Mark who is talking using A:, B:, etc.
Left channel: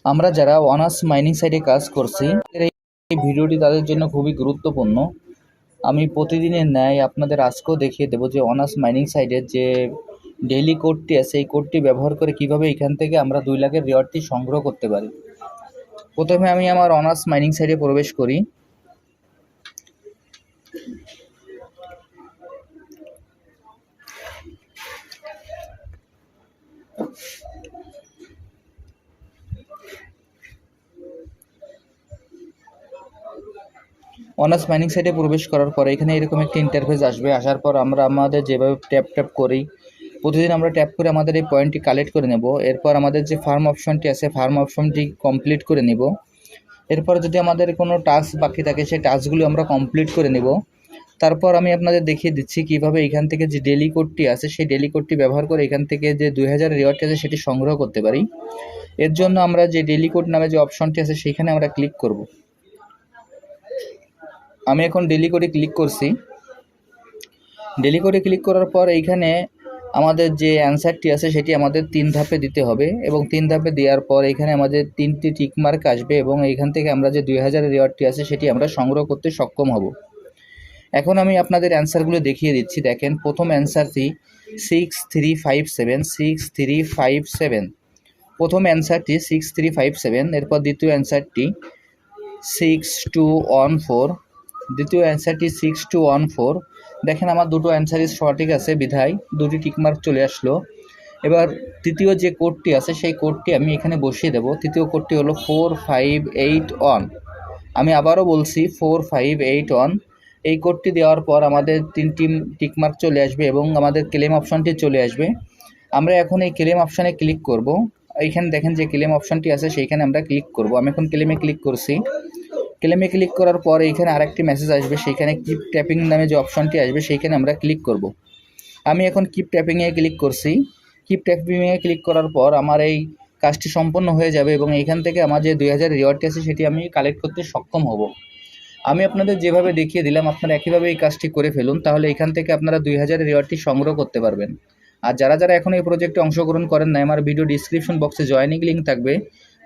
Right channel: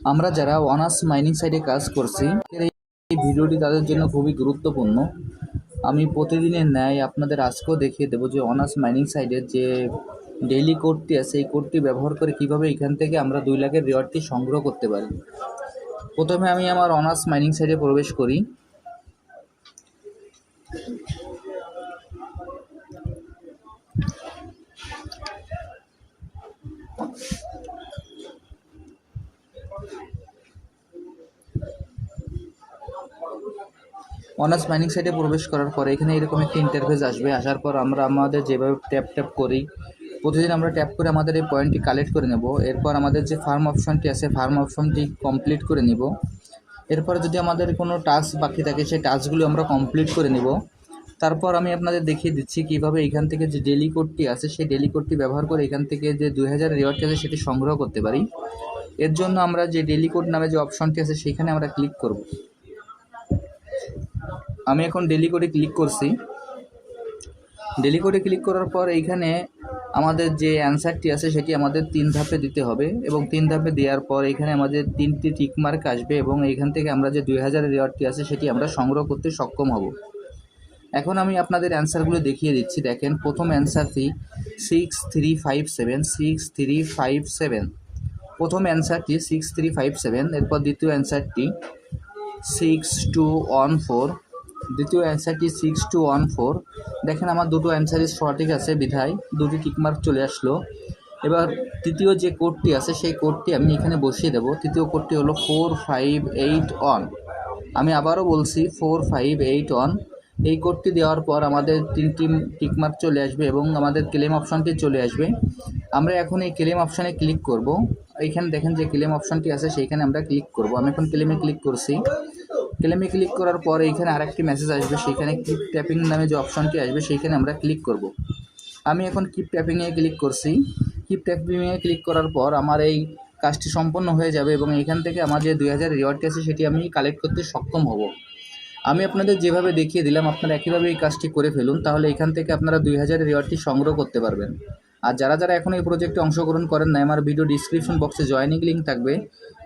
A: আমরা যারা honours mining সাইডে কাজ করছি, এই ভিডিওটি তাদের জন্য খুবই গুরুত্বপূর্ণ। আমি প্রতিদিনের ন্যায় আপনাদের আজকেও দেখিয়ে দেবো যে অনার্স মাইনিং সাইডের যে ডেইলি কোডটি আছে, এই কোডটি ব্যবহার করে কীভাবে এখান থেকে আমরা দুই লাখের রেওয়ার্ডটি সংগ্রহ করতে পারি। প্রথমে আমি আমার অনার্স মাইনিং সাইডে প্রবেশ করি। অনার্স মাইনিং সাইটে প্রবেশ করার পরে এখানে এরকম একটি ইন্টারফেস আসবে। আসার পর আমরা আমাদের যেভাবে ট্যাপ ট্যাপ করি, প্রতিদিন আমরা ট্যাপ করে আমাদের এই পয়েন্টটি কালেক্ট করে নেব। এরপর আমাদের যে ফার্ম অপশনটি আছে ফার্ম অপশনটি কমপ্লিট করে নিব। এরপর যদি আমাদের কোনো টাস্ক বাকি থাকে, সেই টাস্কগুলো আমরা কমপ্লিট করে নেব। তারপর আমি আপনাদের দেখিয়ে দিচ্ছি কীভাবে এখান থেকে যে ডেলি কোডটি আছে, সেই ডেলি কোডটি ব্যবহার করে এখান থেকে যে দুই হাজার রিওয়ার্ডটি আছে, সেটি সংগ্রহ করতে পারি। এর জন্য আমরা যে ডেলি কোড নামে যে অপশনটি আছে, সেইখানে আমরা ক্লিক করব। আমি এখন ডেলি করে ক্লিক করছি। ডেলি করে ক্লিক করার পর এইখানে আমাদের যে অ্যান্সারটি আছে সেটি আমাদের তিন ধাপে দিতে হবে এবং তিন ধাপে দেওয়ার পর এখানে আমাদের তিনটি টিকমার্ক আসবে এবং এইখান থেকে আমরা যে দুই হাজার রেওয়ার্ডটি আছে সেটি আমরা সংগ্রহ করতে সক্ষম হব। এখন আমি আপনাদের অ্যান্সারগুলো দেখিয়ে দিচ্ছি। দেখেন, প্রথম অ্যান্সারটি six three five seven six three five seven প্রথম অ্যান্সারটি সিক্স থ্রি ফাইভ সেভেন এরপর দ্বিতীয় অ্যান্সারটি সিক্স টু ওয়ান ফোর দ্বিতীয় অ্যান্সারটি সিক্স টু ওয়ান ফোর দেখেন আমার দুটো অ্যান্সারই সঠিক আছে বিধায়, দুটি টিকমার্ক চলে আসলো। এবার তৃতীয় যে কোডটি আছে সেই কোডটি আমি এখানে বসিয়ে দেবো। তৃতীয় কোডটি হলো ফোর ফাইভ এইট ওয়ান আমি আবারও বলছি ফোর ফাইভ এইট ওয়ান এই কোডটি দেওয়ার পর আমাদের তিনটি টিকমার্ক চলে আসবে এবং আমাদের ক্লেম অপশনটি চলে আসবে। আমরা এখন এই ক্লেম অপশানে ক্লিক করব। এইখানে দেখেন যে ক্লেম অপশনটি আছে সেইখানে আমরা ক্লিক করব। আমি এখন ক্লেমে ক্লিক করছি। ক্লেমে ক্লিক করার পর এইখানে আরেকটি মেসেজ আসবে, সেইখানে কিপ ট্যাপিং নামে যে অপশনটি আসবে, সেইখানে আমরা ক্লিক করব। আমি এখন কিপ ট্যাপিংয়ে ক্লিক করছি। কিপ ট্যাপিংয়ে ক্লিক করার পর আমার এই কাজটি সম্পন্ন হয়ে যাবে এবং এইখান থেকে আমার যে দুই হাজার রিওয়ার্ডটি আছে, সেটি আমি কালেক্ট করতে সক্ষম হব। আমি আপনাদের যেভাবে দেখিয়ে দিলাম, আপনারা একইভাবে এই কাজটি করে ফেলুন, তাহলে এখান থেকে আপনারা দুই হাজার রিওয়ার্ডটি সংগ্রহ করতে পারবেন। আর যারা যারা এখন এই প্রজেক্টে অংশগ্রহণ করেন না আমার ভিডিও ডিসক্রিপশন বক্সে জয়েনিং লিঙ্ক থাকবে।